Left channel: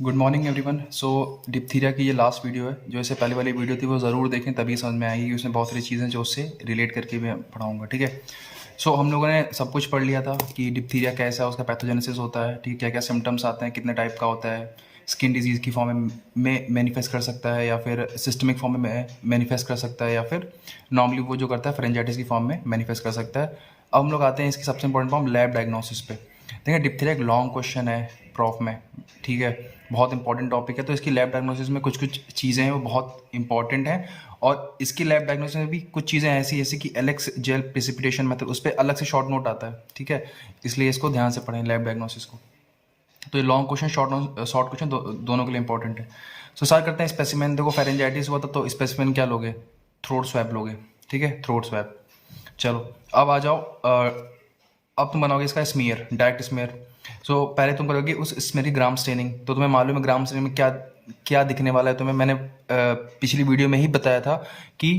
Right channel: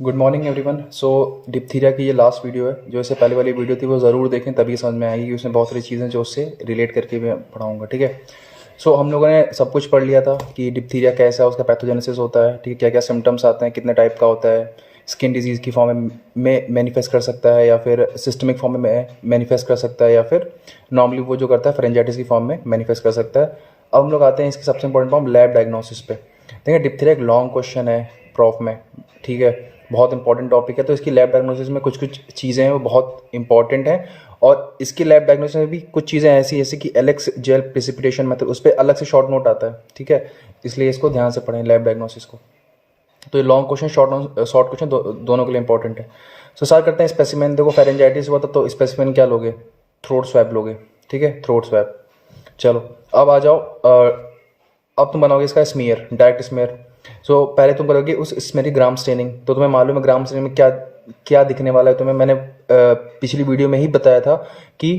Good morning everyone. So diphtheria की ये last video है। जो इससे पहले वाली वीडियो थी वो ज़रूर देखें, तभी समझ में आएगी कि उसमें बहुत सारी चीज़ें जो उससे रिलेट करके मैं पढ़ाऊँगा। ठीक है। सो हम लोगों ने सब कुछ पढ़ लिया था कि डिप्थीरिया कैसा है, उसका पैथोजेनेसिस होता है, ठीक है, क्या क्या सिम्टम्स आते हैं, कितने टाइप का होता है, स्किन डिजीज़ की फॉर्म में मैनिफेस्ट कर सकता है या फिर सिस्टमिक फॉर्म में मैनिफेस्ट कर सकता है या फिर नॉर्मली वो जो करता है फेरेंजाइटिस की फॉर्म में मैनिफेस्ट कर सकता है। अब हम लोग आते हैं इसकी सबसे इंपॉर्टेंट फॉर्म लैब डायग्नोसिस पे। देखिए डिप्थीरिया एक लॉन्ग क्वेश्चन है प्रॉफ में, ठीक है, बहुत इंपॉर्टेंट टॉपिक है। तो इसकी लैब डायग्नोसिस में कुछ कुछ चीज़ें हैं वो बहुत इंपॉर्टेंट हैं, और इसकी लैब डायग्नोसिस में भी कुछ चीज़ें ऐसी जैसे कि एलेक्स जेल प्रेसिपिटेशन मेथड, उस पर अलग से शॉर्ट नोट आता है, ठीक है। इसलिए इसको ध्यान से पढ़ें लैब डायग्नोसिस को। तो ये लॉन्ग क्वेश्चन शॉर्ट क्वेश्चन दोनों के लिए इंपॉर्टेंट है। सो स्टार्ट करते हैं। स्पेसिमेन देखो, फेरेंजाइटिस हुआ था तो स्पेसिमेन क्या लोगे, थ्रोट स्वैब लोगे, ठीक है, थ्रोट स्वैब। चलो अब आ जाओ, अब तुम बनाओगे इसका स्मीयर, डायरेक्ट स्मीयर। सो पहले तुम करोगे उस स्मेयर की ग्राम स्टेनिंग। तो तुम्हें मालूम है ग्राम स्टेनिंग में क्या क्या दिखने वाला है। तुम्हें मैंने पिछली वीडियो में ही बताया था कि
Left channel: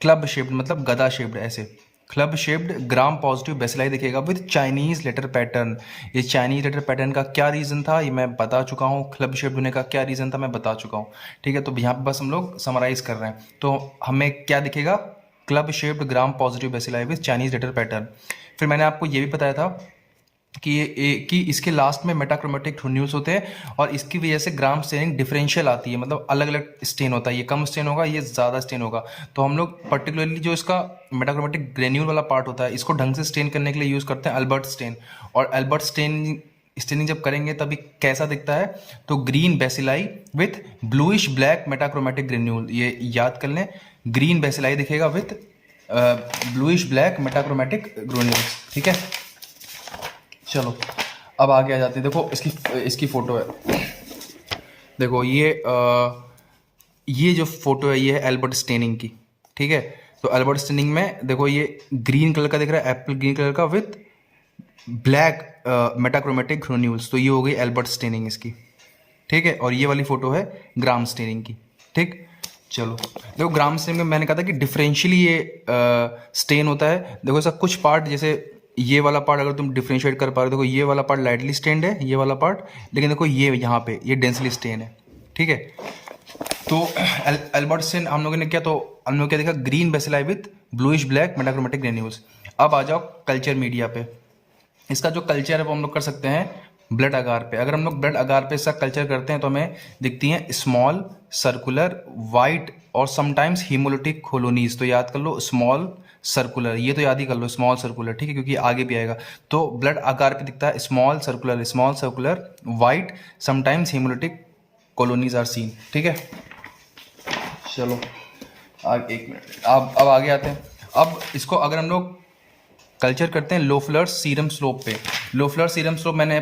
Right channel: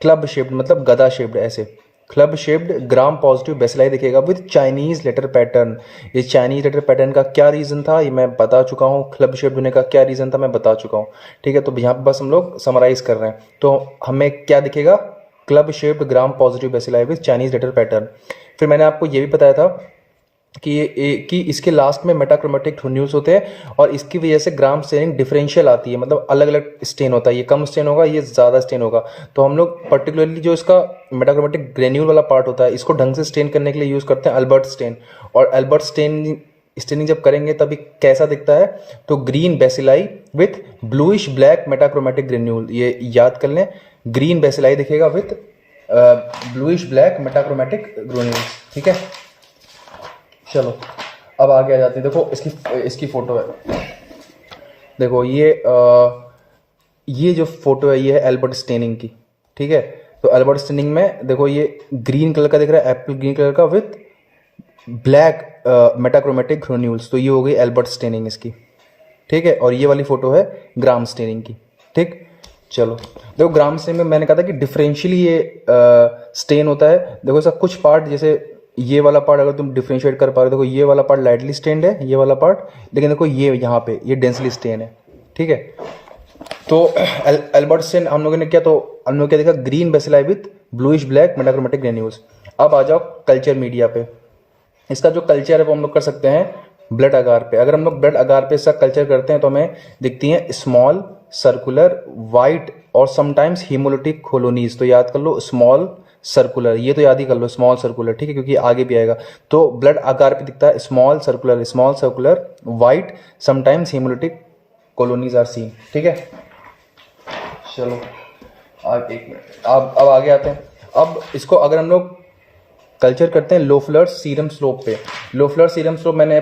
क्लब शेप्ड मतलब गदा शेप्ड, ऐसे club shaped gram positive bacilli दिखेगा विद चाइनीज लेटर पैटर्न। ये चाइनीज लेटर पैटर्न का क्या रीज़न था ये मैं बता चुका हूँ, क्लब शेप्ड होने का क्या रीज़न था मैं बता चुका हूँ, ठीक है। तो यहाँ पे बस हम लोग समराइज कर रहे हैं। तो हमें क्या दिखेगा, club shaped gram positive bacilli with Chinese letter pattern. फिर मैंने आपको ये भी बताया था कि इसके लास्ट में मेटाक्रोमेटिक न्यूज होते हैं और इसकी वजह से ग्राम स्टेनिंग डिफरेंशियल आती है, मतलब अलग अलग स्टेन होता है, ये कम स्टेन होगा, ये ज़्यादा स्टेन होगा। तो हम लोग पर्टिकुलरली जो इसका मेटाक्रोमेटिक ग्रेन्यूल वाला पार्ट होता है इसको ढंग से स्टेन करने के लिए यूज़ करते हैं अल्बर्ट स्टेन। और अल्बर्ट स्टेनिंग जब करेंगे तभी कैसा दिखता है, तो green bacilli with bluish black metachromatic granule, ये याद कर लें, ग्रीन बेसिलाई दिखेगा with bluish black metachromatic granules, ठीक है। चलो अब आगे आ जाते हैं। देखो इसकी इसकी फ़ोटो है, देखो ये जो फोटो है ये है एल्बर्ट स्टेनिंग की, ठीक है। तो एल्बर्ट स्टेनिंग में देखो ये ग्रीन कलर का दिख रहा है, एप्पल ग्रीन कलर का विथ ब्लैक मेटाक्रोमेटिक ग्रेन्यूल्स। तो ये हो गई एल्बर्ट स्टेनिंग इसकी, ठीक है। और ये वाली फोटो है ग्राम स्टेनिंग की, ठीक। चलो देखो ग्राम स्टेनिंग में मैंने कहा था कि डिफरेंशियली ये स्टेन होता है। देखो इसका कुछ पार्ट, जैसे ये वाला पार्ट अगर तुम डिफरेंशिएट कर पा रहे हो, देखो ये वाला पार्ट लाइटली स्टेन्ड है, ये वाला पार्ट, लेकिन देखो ये यहाँ पे ये डेंसली स्टेन है, ठीक है। तो एल्बर्ट स्टेन हम लोगों ने क्या, तो हम लोग क्या देखा, green bacilli with bluish black metachromatic granules. अब आ जाओ कल्चर मीडिया पे। इसका जो कल्चर है वो हम लोग कर सकते हैं ब्लड अगार पे। अगर हम लोग ब्लड अगार पे इसका कल्चर करते हैं तो हमें दिखती हैं स्मॉल सर्कुलर वाइट और समटाइम्स हीमोलिटिक कॉलोनीज। तो याद कर लो स्मॉल सर्कुलर, ये तो याद ही कर लो स्मॉल सर्कुलर, ठीक है, क्योंकि आगे भी आएगा। तो ब्लड आकार पे दिखता है small circular white sometimes haemolytic colonies are seen, ठीक है। चलो अब एक मिनट, अब आगे आते हैं। अब इसको अगर हम लोग कल्चर करते हैं लोफलर सीरम स्लोप पे। लोफलर सीरम स्लोप मैंने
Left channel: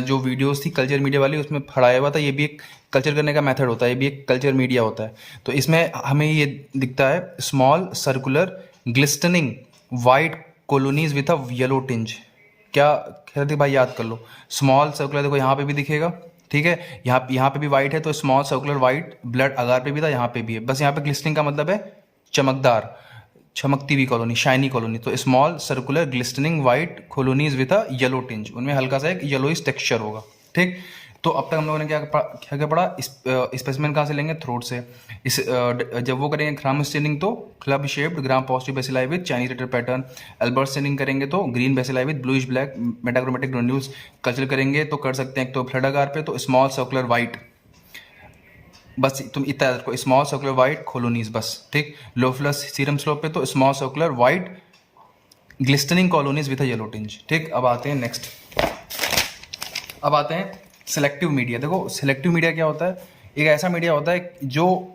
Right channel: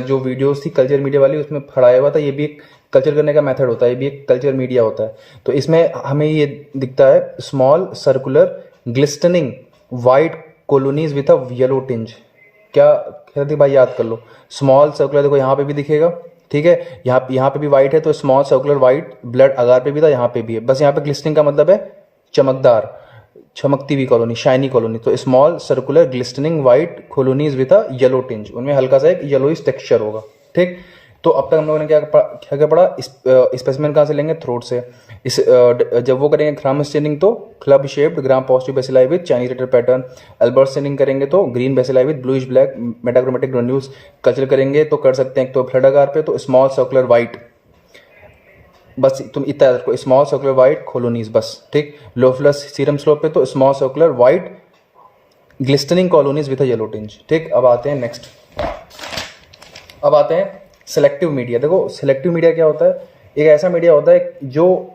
जो वीडियोस थी कल्चर मीडिया वाली उसमें पढ़ाया हुआ था। ये भी एक कल्चर करने का मेथड होता है, ये भी एक कल्चर मीडिया होता है। तो इसमें हमें ये दिखता है small circular glistening white colonies with a yellow tinge. क्या कहते भाई, याद कर लो, स्मॉल सर्कुलर, देखो यहाँ पे भी दिखेगा, ठीक है, यहाँ पे भी वाइट है, तो स्मॉल सर्कुलर वाइट ब्लड अगार पे भी था, यहाँ पे भी है। बस यहाँ पे ग्लिस्टनिंग का मतलब है चमकदार, चमकती हुई कॉलोनी, शाइनी कॉलोनी। तो small circular glistening white colonies with a yellow tinge, उनमें हल्का सा एक येलोइश टेक्सचर होगा, ठीक। तो अब तक हम लोगों ने क्या पढ़ा, स्पेसिमेन कहाँ से लेंगे, थ्रोट से। जब वो करेंगे ग्राम स्टेनिंग तो club shaped gram positive bacilli with Chinese letter pattern. Albert staining करेंगे तो green bacilli with bluish black metachromatic granules. Culture करेंगे तो कर सकते हैं तो ब्लड अगार पे तो स्मॉल सर्कुलर वाइट, बस तुम इतना याद रखो, स्मॉल सर्कुलर वाइट कॉलोनीज बस, ठीक। लोफलस सीरम स्लोप पे तो small circular white glistening colonies with a yellow tinge, ठीक। अब आते हैं नेक्स्ट, अब आते हैं सेलेक्टिव मीडिया। देखो सेलेक्टिव मीडिया क्या होता है, एक ऐसा मीडिया होता है जो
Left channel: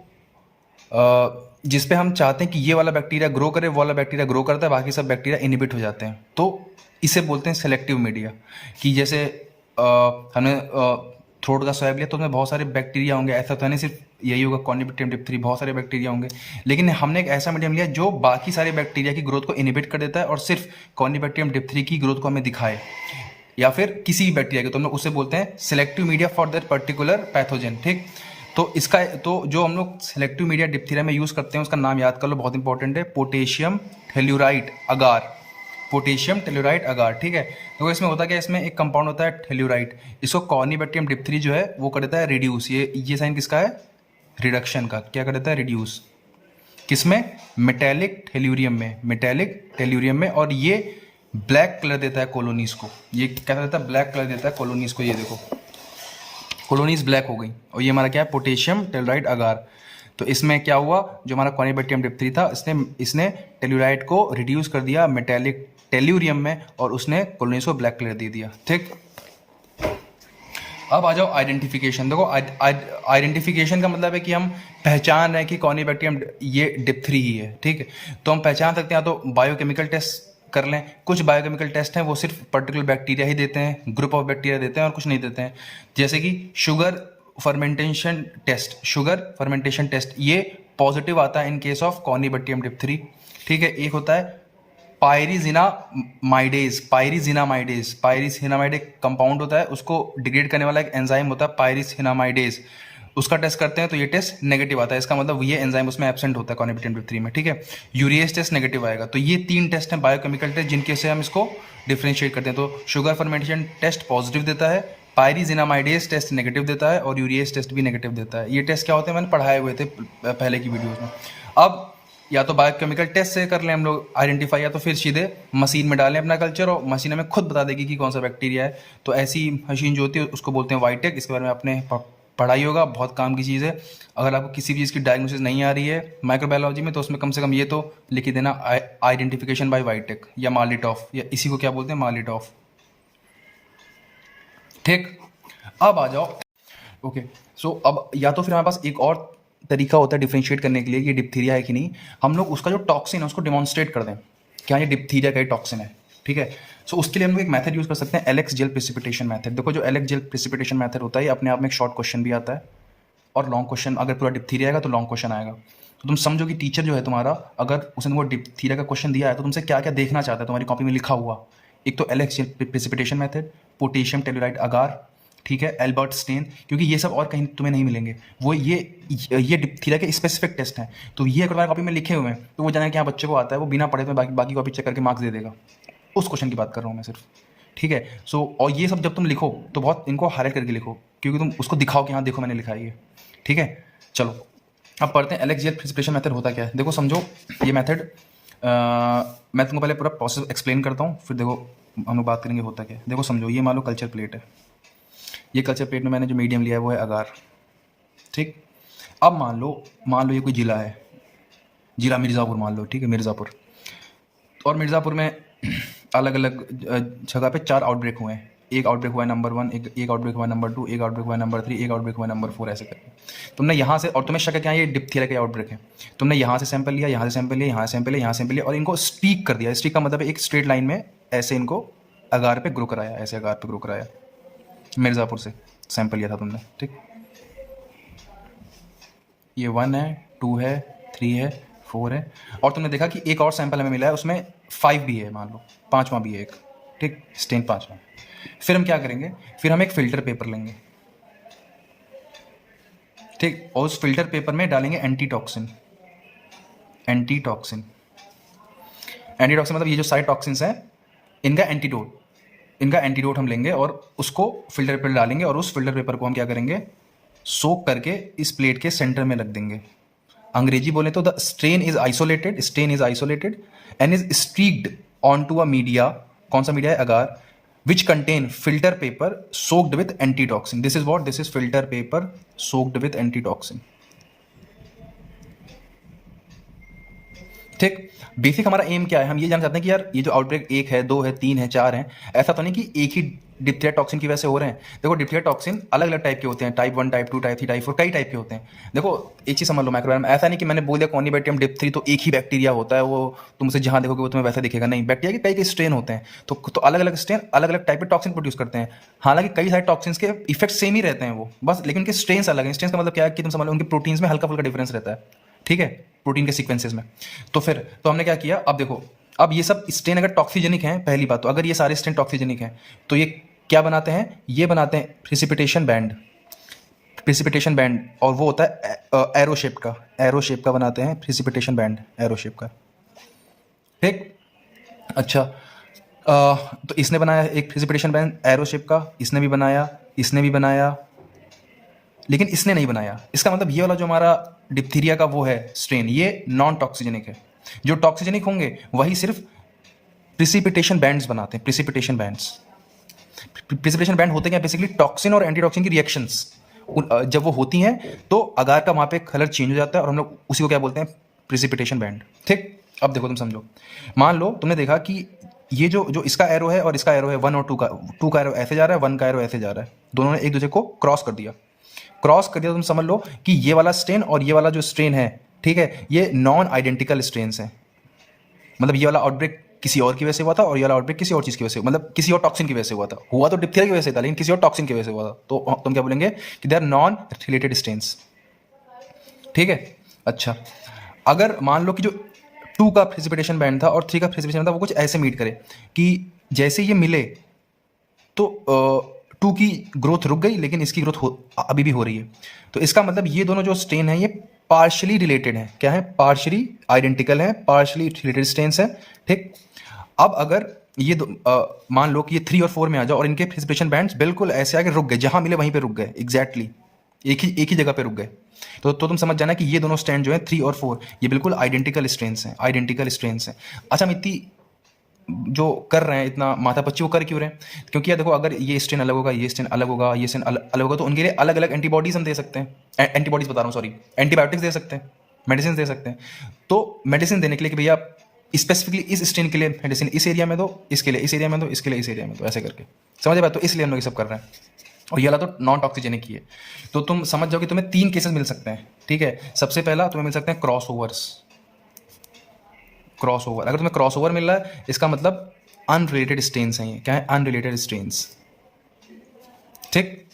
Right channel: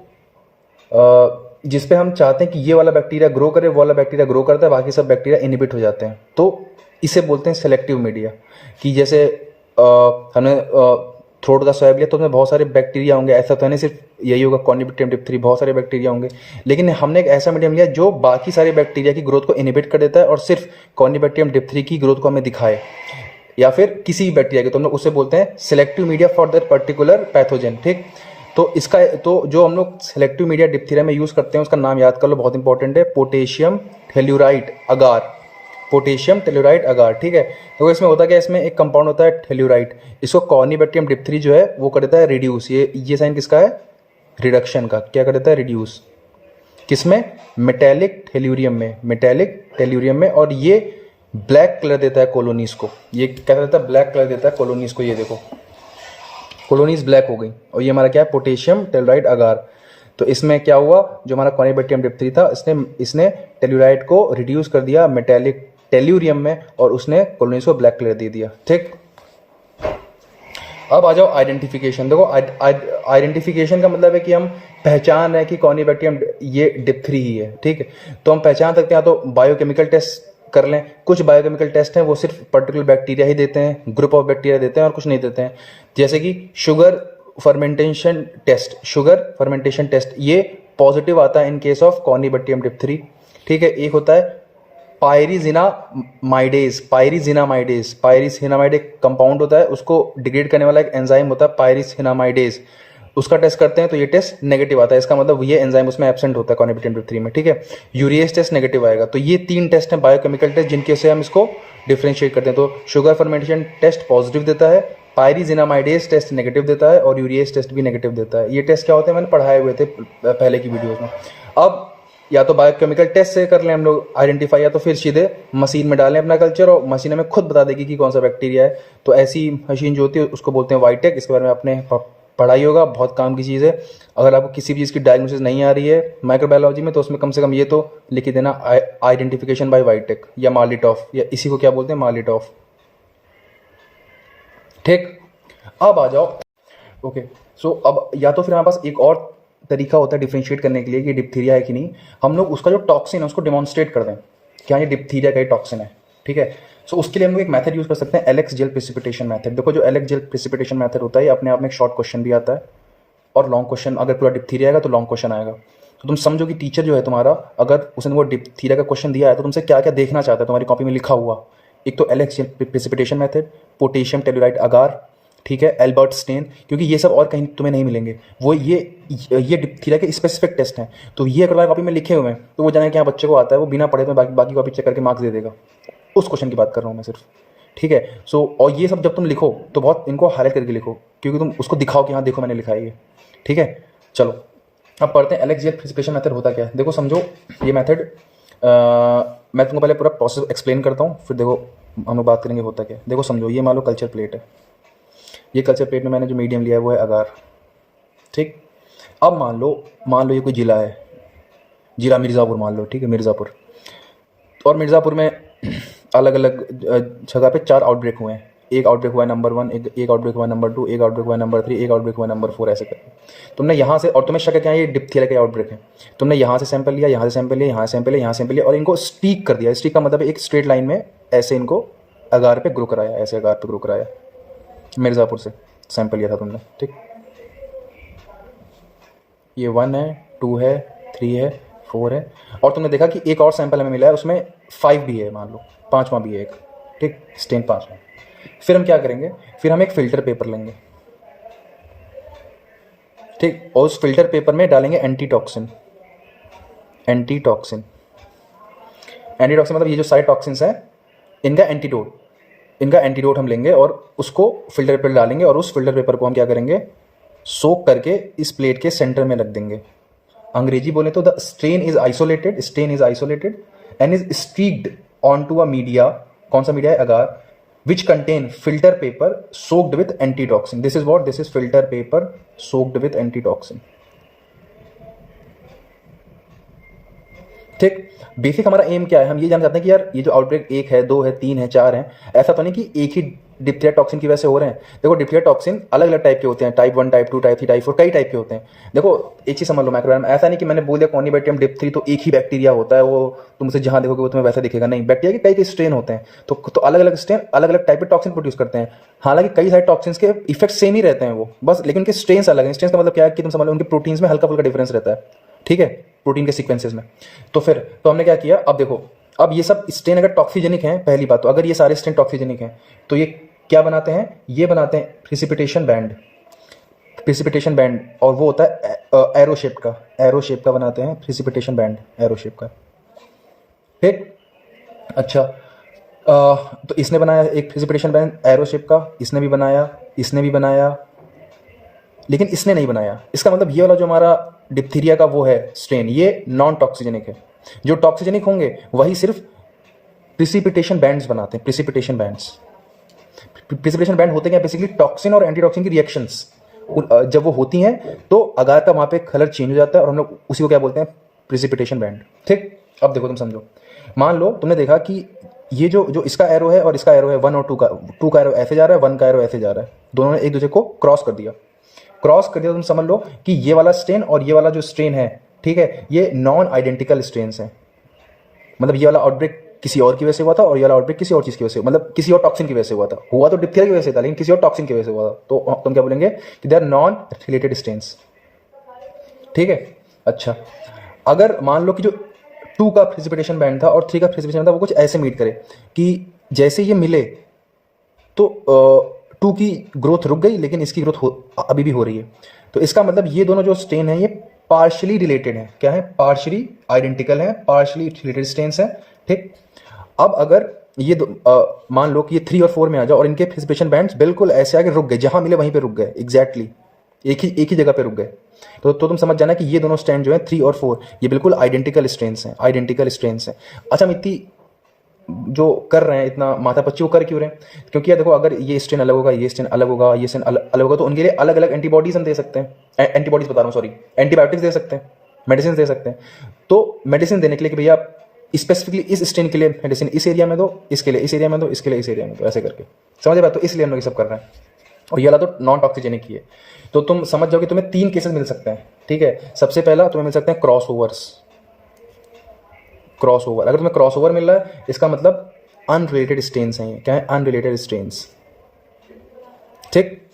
जिस पे हम चाहते हैं कि ये वाला बैक्टीरिया ग्रो करे, वो वाला बैक्टीरिया ग्रो करता है, बाकी सब बैक्टीरिया इनहिबिट हो जाते हैं। तो इसे बोलते हैं सेलेक्टिव मीडिया। कि जैसे हमने थ्रोट का स्वैब लिया तो उसमें बहुत सारे बैक्टीरिया होंगे, ऐसा तो नहीं सिर्फ यही होगा कॉनिबैक्टीरियम डिप्थरी, बहुत सारे बैक्टीरिया होंगे, लेकिन हमने एक ऐसा मीडियम लिया जो बाकी सारे बैक्टीरिया की ग्रोथ को इनहिबिट कर देता है और सिर्फ कॉनिबैक्टीरियम डिप्थरी की ग्रोथ को हमें दिखाए, या फिर किसी बैक्टीरिया के, तो हम लोग उसे बोलते हैं selective media for that particular pathogen, ठीक। तो इसका तो जो हम लोग सिलेक्टिव मीडिया डिप्थीरिया में यूज़ करते हैं उसका नाम याद कर लो, बहुत इंपॉर्टेंट है, पोटेशियम थेल्यूराइट अगार। पोटेशियम टेल्यूराइड अगार, ठीक है। तो इसमें होता क्या है, इसमें एक कंपाउंड होता है टेल्यूराइड, इसको कॉर्निबैक्टीरियम डिप्थरी जो है वो कर देता है रिड्यूस। ये साइन किसका है, रिडक्शन का। क्या कर देता है, रिड्यूस। किसमें, मेटेलिक टेल्यूरियम में, मेटेलिक टेल्यूरियम में। और ये ब्लैक कलर देता है कॉलोनीज को, ये क्या देता है, ब्लैक कलर देता है कॉलोनीज को। ये देखो कॉलोनीज ब्लैक हो गई। और ये हमारा क्या है, पोटेशियम टेल्यूराइड अगार। तो इसमें क्या हुआ, जो हमारा कॉर्निबैक्टीरियम डिप्थरी था इसने टेल्यूराइड को रिड्यूस कर दिया मेटेलिक टेल्यूरियम में, और उसने कॉलोनीज को ब्लैक कलर दे दिया, ठीक। अब आ जाओ आइडेंटिफिकेशन। देखो आइडेंटिफिकेशन का मतलब है कि हम पहचान रहे हैं कि कॉर्निबैक्टीरियम ये डिप्थरी ही है, ठीक है। तो हम पहचान सकते हैं, तो बायोकेमिकल टेस्ट कर लें। कुछ बायोकेमिकल टेस्ट हैं वो सिर्फ पर्टिकुलर बैक्टीरिया ही देते हैं, ग्रुप ऑफ बैक्टीरिया देते हैं, और कुछ नहीं देते हैं। जैसे कि शुगर फर्मेंटेशन टेस्ट, ये पॉजिटिव आता है इन केस ऑफ कॉर्निबैक्टीरियम डिप्थरी, ठीक है। एक होता है पायरिजिनामाइडेज एक कंपाउंड होता है, उसको डिग्रेड करने वाला एक एंजाइम होता है पायरिजिनामाइडेज, उसका टेस्ट करते हैं तो ये टेस्ट नेगेटिव आता है। इसका मतलब ये एंजाइम उसमें एब्सेंट होता है कॉर्निबैक्टीरियम डिप्थरी में, ठीक है। यूरिएज टेस्ट नेगेटिव आएगा। तो ये 3 टेस्ट हैं बायोकेमिकल टेस्ट जिनके से हम इसको डिफ्रेंशिएट करते हैं। तो शुगर फर्मेंटेशन टेस्ट पॉजिटिव देता है, पायरिजिनामाइडेज टेस्ट नेगेटिव देता है, और यूरिएज टेस्ट भी नेगेटिव देता है। ये टेस्ट क्या होते हैं, मैंने पढ़ाए हुए थे पहले की वीडियोज़ में। अब या तो बायोकेमिकल टेस्ट से कर लें हम लोग आइडेंटिफाई, या तो फिर सीधे मशीन में डालें अपना कल्चर, और मशीन हमें खुद बता देगी कि कौन सा बैक्टीरिया है। तो ऐसी मशीन जो होती है उसको बोलते हैं वाइटेक। इसके बारे में आपने पढ़ाई होगा, बहुत काम की चीज़ है। अगर आपको किसी भी चीज़ की डायग्नोसिस नहीं आ रही है माइक्रोबायोलॉजी में, तो उसमें कम से कम ये तो लिख देना, आइडेंटिफिकेशन बाय वाइटेक या मार्लिटॉफ, या इसी को क्या बोलते हैं, मार्लिटॉफ, ठीक। अब आ जाओ, ओके। सो अब या तो फिर हमारे पास एक और तरीका होता है डिफ्रेंशिएट करने के लिए कि ये डिप्थीरिया है कि नहीं। हम लोग उसका जो टॉक्सिन है उसको डिमॉन्स्ट्रेट कर दें, क्या ये डिप्थीरिया का ही टॉक्सिन है, ठीक है। सो उसके लिए हम लोग एक मेथड यूज़ कर सकते हैं, एलेक्स जेल प्रेसिपिटेशन मेथड। देखो जो एलेक्स जेल प्रेसिपिटेशन मेथड होता है, ये अपने आप में एक शॉर्ट क्वेश्चन भी आता है और लॉन्ग क्वेश्चन। अगर पूरा डिप्थीरिया आएगा तो लॉन्ग क्वेश्चन आएगा। तो तुम समझो कि टीचर जो है तुम्हारा, अगर उसने वो डिप्थीरिया का क्वेश्चन दिया है तो तुमसे क्या क्या देखना चाहता है तुम्हारी कॉपी में लिखा हुआ। एक तो Elek's gel precipitation method, potassium tellurite agar, ठीक है, एल्बर्ट स्टेन, क्योंकि ये सब और कहीं तुम्हें नहीं मिलेंगे। वो ये डिप्थीरिया के स्पेसिफिक टेस्ट हैं। तो ये अगर कॉपी में लिखे हुए हैं तो वो जाने कि हाँ बच्चे को आता है, वो बिना पढ़े तो बाकी कॉपी चेक करके मार्क्स दे देगा। उस क्वेश्चन की बात कर रहा हूँ मैं सिर्फ, ठीक है। सो और ये सब जब तुम लिखो तो बहुत इनको हाईलाइट करके लिखो, क्योंकि तुम उसको दिखाओ कि हाँ देखो मैंने लिखा है ये, ठीक है। चलो अब पढ़ते हैं एलेक्स जेल प्रेसिपिटेशन मेथड होता क्या है। देखो समझो ये मेथड, मैं तुमको पहले पूरा प्रोसेस एक्सप्लेन करता हूँ, फिर देखो हम लोग बात करेंगे होता क्या है। देखो समझो ये मान लो कल्चर प्लेट है, ये कल्चर प्लेट में मैंने जो मीडियम लिया है वो है अगार, ठीक। अब मान लो ये कोई ज़िला है, ज़िला मिर्ज़ापुर मान लो, ठीक है, मिर्ज़ापुर। और मिर्ज़ापुर में अलग अलग जगह पे 4 आउटब्रेक हुए हैं। एक आउटब्रेक हुआ है नंबर 1, एक आउटब्रेक हुआ है नंबर 2, एक आउटब्रेक हुआ है नंबर 3, एक आउटब्रेक हुआ है नंबर 4, ऐसे करके तुमने यहाँ से, और तुम्हें शक है कि ये डिप्थीरिया का आउटब्रेक है, तुमने यहाँ से सैंपल लिया, यहाँ से सैंपल लिया, यहाँ से सैंपल लिया, यहाँ सैंपल लिया, और इनको स्टीक कर दिया। स्टीक का मतलब है एक स्ट्रेट लाइन में ऐसे इनको अगार पे ग्रो कराया, ऐसे अगार पे ग्रो कराया। मिर्ज़ापुर से सैंपल लिया था तुमने, ठीक। ये 1 है, 2 है, 3 है, 4 है, और तुमने देखा कि एक और सैंपल हमें मिला है, उसमें 5 भी है, मान लो 5वां भी है एक, ठीक, स्टेन 5वां। फिर हम क्या करेंगे, फिर हम एक फ़िल्टर पेपर लेंगे, ठीक, और उस फिल्टर पेपर में डालेंगे एंटीटॉक्सिन मतलब ये जो सारे टॉक्सिन्स हैं इनका एंटीडोट हम लेंगे और उसको फिल्टर पेपर डालेंगे, और उस फिल्टर पेपर को हम क्या करेंगे, सोक करके इस प्लेट के सेंटर में रख देंगे। अंग्रेजी बोले तो the stain is isolated and is stuck on to a media. कौन सा मीडिया है, agar, which contain filter paper soaked with antitoxin. This is filter paper soaked with antitoxin, ठीक। बेसिक हमारा एम क्या है, हम ये जानना चाहते हैं कि यार ये जो आउटब्रेक 1 है, 2 है, 3 है, 4 है, ऐसा तो नहीं कि एक ही डिप्थीरिया टॉक्सिन की वजह से हो रहे हैं। देखो डिप्थीरिया टॉक्सिन अलग अलग टाइप के होते हैं, टाइप 1, टाइप 2, टाइप 3, टाइप 4, कई टाइप के होते हैं। देखो एक चीज़ समझ लो माइक्रोबायोम, ऐसा नहीं कि मैंने बोल दिया कॉर्निबैक्टीरियम डिप्थरी तो एक ही बैक्टीरिया होता है, वो तुमसे जहाँ देखोगे वो तुम्हें वैसा दिखेगा, नहीं। बैक्टीरिया के कई स्ट्रेन होते हैं, तो अलग अलग स्ट्रेन अलग अलग टाइप के टॉक्सिन प्रोड्यूस करते हैं। हालांकि कई सारे टॉक्सिन्स के इफेक्ट सेम ही रहते हैं वो, बस, लेकिन उनके स्ट्रेन्स अलग हैं। स्ट्रेन्स का मतलब क्या है कि तुम समझ लो उनके प्रोटीन्स में हल्का फुल्का डिफरेंस रहता है, ठीक है, प्रोटीन के सीक्वेंसेस में। तो हमने क्या किया, अब देखो, अब ये सब स्ट्रेन अगर टॉक्सिजेनिक हैं, पहली बात तो अगर ये सारे स्ट्रेन टॉक्सिजेनिक हैं तो ये क्या बनाते हैं, ये बनाते हैं प्रेसिपिटेशन बैंड, और वो होता है एरो शेप का बनाते हैं प्रेसिपिटेशन बैंड, एरो शेप का, ठीक। अच्छा, तो इसने बनाया एक प्रिसिपिटेशन बैंड एरो शेप का, इसने भी बनाया, इसने भी बनाया, लेकिन इसने नहीं बनाया। इसका मतलब ये वाला जो हमारा डिप्थीरिया का वो है स्ट्रेन, ये नॉन टॉक्सिजेनिक है। जो टॉक्सिजेनिक होंगे वही सिर्फ प्रिसिपिटेशन बैंड्स बनाते हैं, प्रिसिपिटेशन बैंड्स। प्रिसिपिटेशन बैंड होते क्या, बेसिकली टॉक्सिन और एंटीटॉक्सिन की रिएक्शंस जब वो होती हैं तो अगार का वहाँ पे कलर चेंज हो जाता है और हम लोग उसी को क्या बोलते हैं, प्रिसिपिटेशन बैंड। ठीक, अब देखो तुम समझो, मान लो तुमने देखा कि ये जो इसका एरो है और इसका एरो है 1 और 2 का एरो ऐसे जा रहा है, 1 का एरो ऐसे जा रहा है, दोनों ने एक दूसरे को क्रॉस कर दिया। क्रॉस कर दिया तो तुम समझ लो कि ये वाला स्ट्रेन और ये वाला जो स्ट्रेन है, ठीक है, ये नॉन आइडेंटिकल स्ट्रेन्स हैं। मतलब ये वाला आउटब्रेक किसी और की वजह से हुआ था और ये वाला आउटब्रेक किसी और चीज़ की वजह से, मतलब किसी और टॉक्सिन की वजह से हुआ था। हुआ तो डिप्थीरिया की वजह से था लेकिन किसी और टॉक्सिन की वजह से हुआ था, तो तुम क्या बोलेंगे कि they are non related strains. ठीक है, अच्छा, अगर मान लो कि जो 2 का प्रिसिपिटेशन बैंड था और 3 का प्रिसिपिटेशन बैंड था वो कुछ ऐसे मीट करे कि जैसे ये मिले तो 2 की ग्रोथ रुक गई लेकिन इसकी ग्रोथ अभी भी हो रही है। तो इसका मतलब ये दोनों जो स्ट्रेन है ये पार्शली रिलेटेड हैं। क्या है, पार्शली आइडेंटिकल है, पार्शली रिलेटेड स्ट्रेन्स हैं। ठीक, अब अगर ये मान लो कि ये 3 और 4 में आ जाओ और इनके प्रिसिपिटेशन बैंड्स बिल्कुल ऐसे आगे रुक गए, जहां मिले वहीं पे रुक गए, एग्जैक्टली एक ही जगह पे रुक गए, तो तुम समझ जाना कि ये दोनों स्ट्रैंड जो है 3 और 4 ये बिल्कुल आइडेंटिकल स्ट्रेन्स हैं, आइडेंटिकल स्ट्रेन्स हैं। अच्छा, हम इतनी जो कर रहे हैं इतना माथापच्ची वो कर क्यों रहे हैं, क्योंकि यार देखो अगर ये स्ट्रेन अलग होगा, ये स्ट्रेन अलग होगा, ये स्ट्रेन अलग होगा, तो उनके लिए अलग अलग एंटीबॉडीज हम दे सकते हैं, एंटीबॉडीज बता रहा हूँ सॉरी, एंटीबायोटिक्स दे सकते हैं, मेडिसिन दे सकते हैं। तो मेडिसिन देने के लिए कि भैया स्पेसिफिकली इस स्ट्रेन के लिए मेडिसिन इस एरिया में दो, इसके लिए इस एरिया में दो, इसके लिए इस एरिया में दो, ऐसे करके समझ बात। तो इसलिए हम लोग ये सब कर रहे हैं और ये वाला तो नॉन टॉक्सिजेनिक ही है। तो तुम समझ जाओ कि तुम्हें 3 केसेस मिल सकते हैं। ठीक है, सबसे पहला तुम्हें मिल सकते हैं क्रॉस ओवर्स। क्रॉस ओवर, अगर तुम्हें क्रॉस ओवर मिल रहा है इसका मतलब अनरिलेटेड स्ट्रेन्स हैं। ये क्या है, अनरिलेटेड स्ट्रेन्स। ठीक,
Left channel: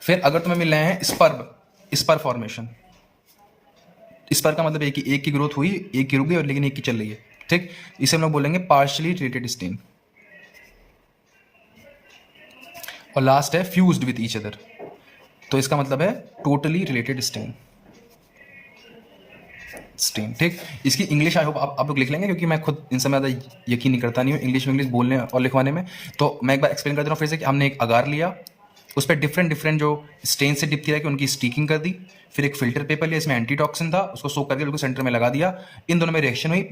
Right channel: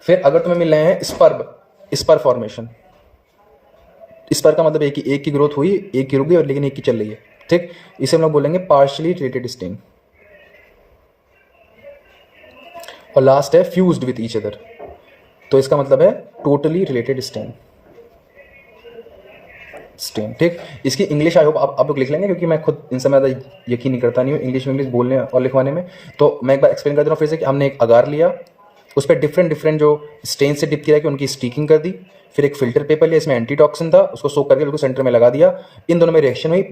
फिर अगर तुम्हें मिल रहे हैं स्पर फॉर्मेशन, स्पर का मतलब एक की ग्रोथ हुई, एक की रुक गई और लेकिन एक की चल रही है। ठीक, इसे हम लोग बोलेंगे पार्शियली रिलेटेड स्ट्रेन। और लास्ट है फ्यूज्ड विथ ईच अदर, तो इसका मतलब है टोटली रिलेटेड स्ट्रेन। ठीक, इसकी इंग्लिश आई होप आप लोग लिख लेंगे क्योंकि मैं खुद इन समय ज़्यादा यकीन नहीं करता नहीं हूँ इंग्लिश बोलने और लिखवाने में। तो मैं एक बार एक्सप्लेन कर दे रहा हूँ फिर से कि हमने एक अगार लिया, उस पर डिफरेंट जो स्ट्रेन से डिप किया कि उनकी स्टीकिंग कर दी, फिर एक फिल्टर पेपर लिया, इसमें एंटीटॉक्सिन था, उसको सोक करके बिल्कुल सेंटर में लगा दिया। इन दोनों में रिएक्शन हुई,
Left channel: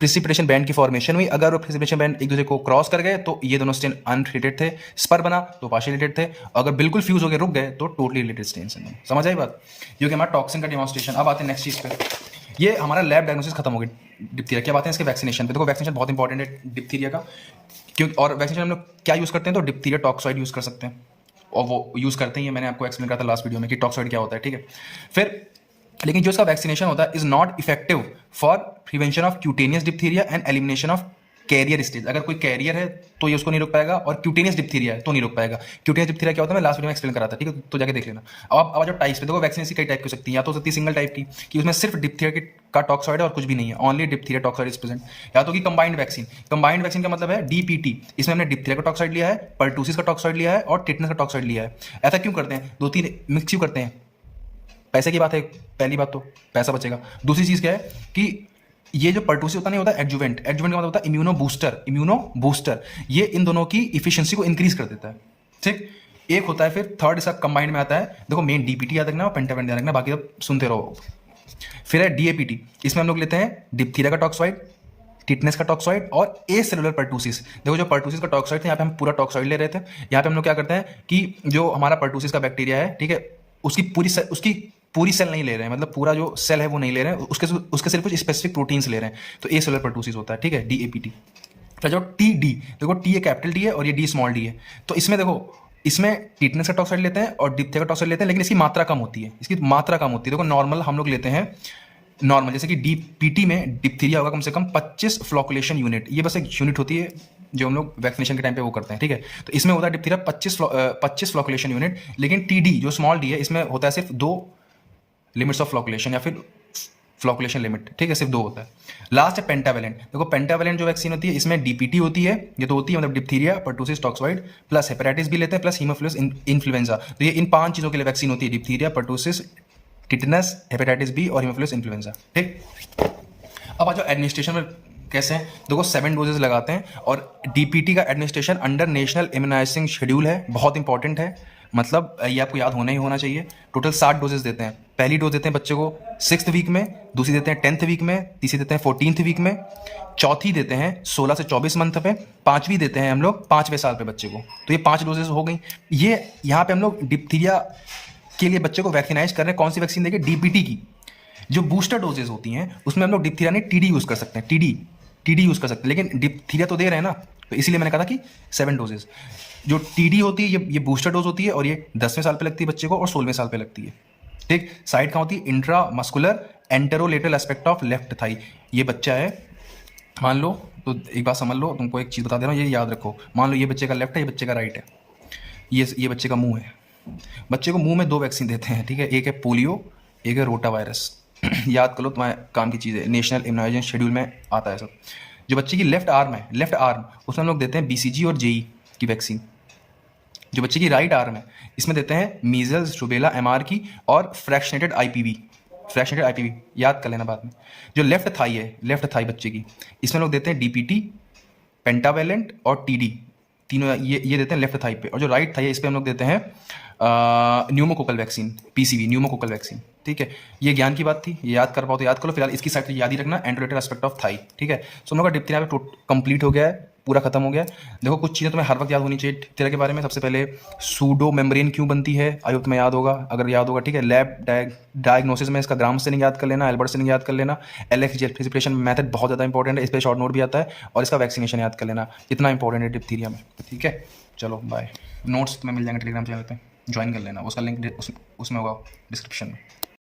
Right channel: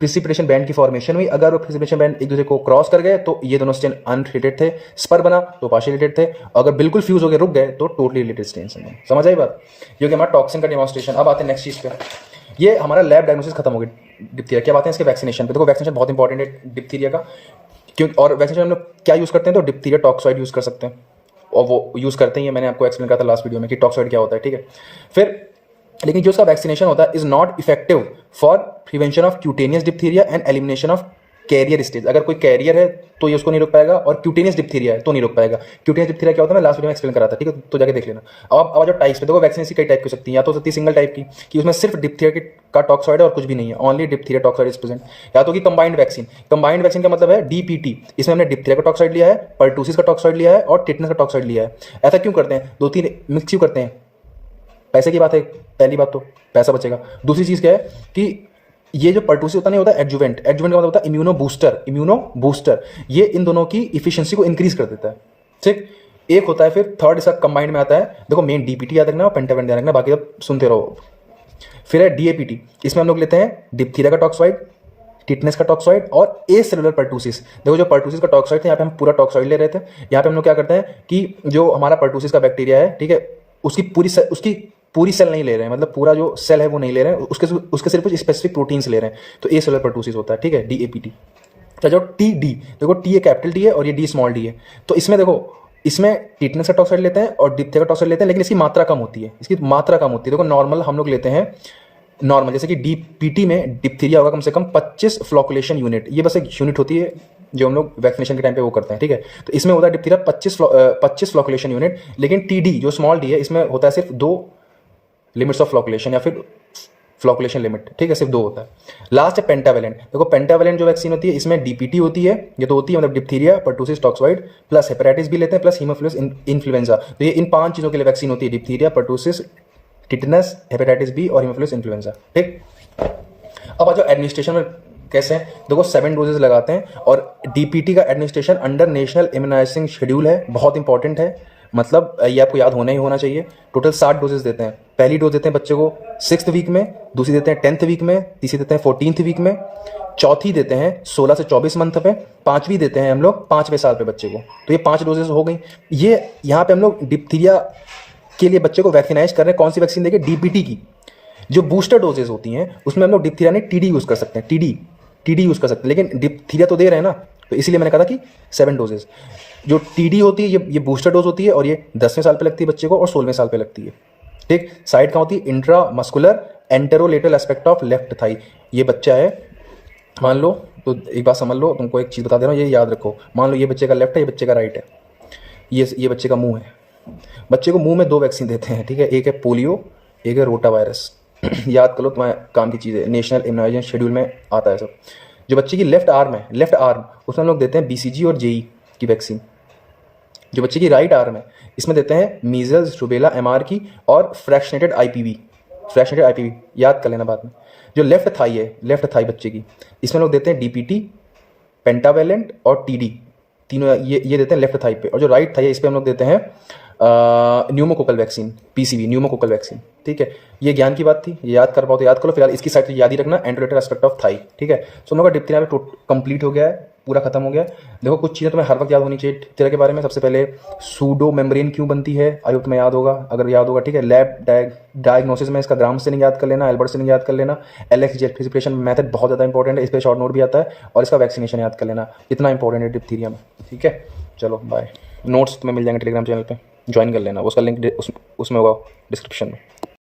प्रिसिपिटेशन बैंड की फॉर्मेशन हुई। अगर वो प्रिसिपिटेशन बैंड एक दूसरे को क्रॉस कर गए तो ये दोनों स्ट्रेन अनरिलेटेड थे, स्पर बना तो पार्शियल रिलेटेड थे, अगर बिल्कुल फ्यूज होकर रुक गए तो टोटली रिलेटेड स्ट्रेन हैं। समझ आई बात, ये कि हमारा टॉक्सिन का डेमोन्स्ट्रेशन। अब आते हैं नेक्स्ट चीज पर, ये हमारा लैब डायग्नोसिस खत्म हो गई डिप्थीरिया। क्या बात है इसके वैक्सीनेशन पे, देखो वैक्सीनेशन बहुत इंपॉर्टेंट है डिप्थीरिया का, क्योंकि और वैक्सीनेशन हम लोग क्या यूज करते हैं, तो डिप्थीरिया टॉक्सॉइड यूज कर सकते हैं और वो यूज करते ही है। मैंने आपको एक्सप्लेन करा था लास्ट वीडियो में कि टॉक्सॉइड क्या होता है। ठीक है, फिर लेकिन जो इसका वैक्सीनेशन होता है is not effective for prevention of cutaneous diphtheria and elimination of carrier stage. अगर कोई कैरियर है तो ये उसको नहीं रोक पाएगा और क्यूटेनियस डिप्थीरिया है तो नहीं रोक पाएगा। क्यूटेनियस डिप्थीरिया क्या होता है मैं लास्ट वीडियो में एक्सप्लेन करा था, ठीक है, तो जाके देख लेना। अब आ जाओ टाइप्स पे, देखो वैक्सीन कई टाइप की हो सकती है, या तो सकती है सिंगल टाइप की कि उसमें सिर्फ डिप्थीरिया का टॉक्सॉइड है और कुछ भी नहीं है, only diphtheria toxoid is present, या तो कि कंबाइंड वैक्सीन। कंबाइंड वैक्सीन का मतलब है डीपीटी, इसमें हमने डिप्थीरिया का टॉक्सॉइड लिया है, पर्टूसिस का टॉक्सॉइड लिया है और टिटनस का टॉक्सॉइड लिया है। ऐसा क्यों करते हैं, 2-3 मिक्स क्यों करते हैं, पैसे की बात है, पहली बात तो पैसा बचेगा। दूसरी चीज क्या है कि ये जो पर्टूसिस होता नहीं होता एडजुवेंट, एडजुवेंट का मतलब होता है इम्यूनो बूस्टर, ये इन दोनों की इफिशिएंसी को इंक्रीज कर देता है। ठीक, एक होता है फिर थर्ड इसका कंबाइंड में आता है, देखो मेन डीपीटी याद रखना और पेंटावेंट याद रखना, बाकी सब सुनते रहो। फिर है डीएपीटी, इसमें हम लोग लेते हैं डिप्थीरिया का टॉक्सॉइड, टिटनेस का टॉक्सॉइड और ए सेलुलर पर्टूसिस। देखो जो पर्टूसिस का टॉक्सॉइड था यहाँ पे हम पूरा टॉक्सॉइड ले रहे थे, यहाँ पे हम लोग क्या करते हैं कि जो हमारा पर्टूसिस का बैक्टीरिया है, ठीक है, उसकी पूरी सेल नहीं ले रहे हैं, मतलब पूरा जो सेल है वो नहीं ले रहे हैं, उसके सिर्फ कुछ स्पेसिफिक प्रोटीन्स ले रहे हैं, तो ए सेलुलर पर्टूसिस होता है। ठीक है, डीएपीटी। तो जो टी डी, देखो टी ए कैपिटल डी है और ये डी स्मॉल डी है, तो इसमें देखो इसमें टिटनेस का टॉक्साइड लेते हैं और डिप्थीरिया का टॉक्साइड लेते हैं, लेकिन इसकी मात्रा कम होती है, देखो नॉर्मल हम लोग लेते हैं नॉर्मल, जैसे कि डीपीटी में डिप्थीरिया होगा कम से कम 25 फ्लोकुलेशन यूनिट, ये बस एक यूनिट होती है जो हम लोग वैक्सीनेशन के टाइम पे वो करते हैं। ठीक है, तो इसमें होता है डिप्थीरिया 25 फ्लोकुलेशन यूनिट, लेकिन टीडी जो स्मॉल डी है इसमें होता है सिर्फ 2 लिमिट्स ऑफ फ्लोकुलेशन या फिर फ्लोकुलेशन लिमिट। ठीक है, सिर्फ 2 होता है। लास्ट है पेंटावेलेंट, देखो पेंटावेलेंट जो वैक्सीन होती है इसमें डीपीटी होती है, ये तो होती है मतलब diphtheria, pertussis, toxoid plus hepatitis भी लेते हैं प्लस हीमोफिलस इन्फ्लुएंजा, तो ये इन 5 चीजों के लिए वैक्सीन होती है, diphtheria, pertussis, tetanus, hepatitis B और हीमोफिलस इन्फ्लुएंजा। ठीक, अब आ जाओ एडमिनिस्ट्रेशन में कैसे हैं, देखो 7 डोजेस लगाते हैं और डीपीटी का administration under national immunising schedule है, बहुत इंपॉर्टेंट है, मतलब ये आपको याद होना ही होना चाहिए। टोटल 60 डोजेस देते हैं। पहली डोज देते हैं बच्चे को 6th वीक में, दूसरी देते हैं 10th वीक में, तीसरी देते हैं 14th वीक में, चौथी देते हैं 16 से 24 मंथ पे, पांचवी देते हैं हम लोग 5वें साल पे बच्चे को। तो ये 5 डोजेस हो गई। ये यहाँ पे हम लोग डिप्थीरिया के लिए बच्चे को वैक्सीनाइज कर रहे हैं। कौन सी वैक्सीन देंगे, डीपीटी की। जो बूस्टर डोजेज होती हैं उसमें हम लोग डिप्थीरिया नहीं टीडी यूज़ कर सकते हैं, टीडी यूज़ कर सकते हैं, लेकिन डिप्थीरिया तो दे रहे हैं ना, तो इसीलिए मैंने कहा था कि 7 डोजेज। जो टीडी होती है ये बूस्टर डोज होती है और ये 10वें साल पे लगती है बच्चे को और 16वें साल पे लगती है। ठीक, साइड कहाँ होती है, intra muscular anterolateral aspect of left thigh. ये बच्चा है, मान लो, तो एक बात समझ लो, तुमको एक चीज़ बता दे रहा हूँ, ये याद रखो। मान लो ये बच्चे का लेफ्ट है, ये बच्चे का राइट है, ये बच्चे का मुंह है। बच्चे को मुंह में 2 वैक्सीन देते हैं, ठीक है, एक है पोलियो, एक है रोटा वायरस। याद कर लो, तुम्हारे काम की चीज़ है, नेशनल इम्यूनाइजेशन शेड्यूल में आता है सब। जो बच्चे की लेफ्ट आर्म है, लेफ्ट आर्म, उसमें हम लोग देते हैं बीसीजी और जेई की वैक्सीन। जो बच्चे की राइट आर्म है, इसमें देते हैं मीजल्स, रुबेला, एमआर की और फ्रैक्शनेटेड आईपीवी, याद कर लेना बाद में। जो लेफ्ट थाई है, लेफ्ट थाई बच्चे की, इसमें लोग देते हैं डीपीटी, पेंटावेलेंट और टीडी, तीनों ये देते हैं लेफ्ट थाई पे। और जो राइट थाई है, इस पे हम लोग देते हैं pneumococcal vaccine, PCV, pneumococcal vaccine. ठीक है, ये ज्ञान की बात थी, ये याद कर पाओ तो याद करो, फिलहाल इसकी साइड याद ही रखना, एंड्रोलेटर एस्पेक्ट ऑफ थाई। ठीक है, सो हम लोग का डिप्थीरिया कंप्लीट हो गया है, पूरा खत्म हो गया है। देखो कुछ चीज़ें तुम्हें हर वक्त याद होनी चाहिए डिप्थीरिया के बारे में। सबसे पहले सूडो मेम्ब्रेन क्यों बनती है, आई होप तुम्हें याद होगा, अगर याद होगा ठीक है। लैब डायग्नोसिस में इसका ग्राम स्टेनिंग याद कर लेना, एल्बर्ट स्टेनिंग याद कर लेना, एलएक्स जेट प्रिसिपिटेशन मेथड बहुत ज़्यादा इंपॉर्टेंट है, इस पर शॉर्ट नोट भी आता है, और इसका वैक्सीनेशन याद कर लेना, इतना इंपॉर्टेंट है डिप्थीरिया में। ठीक है, चलो बाय। नोट्स तुम्हें मिल जाएंगे टेलीग्राम चैनल पे, ज्वाइन कर लेना, उसका लिंक उसमें होगा डिस्क्रिप्शन में।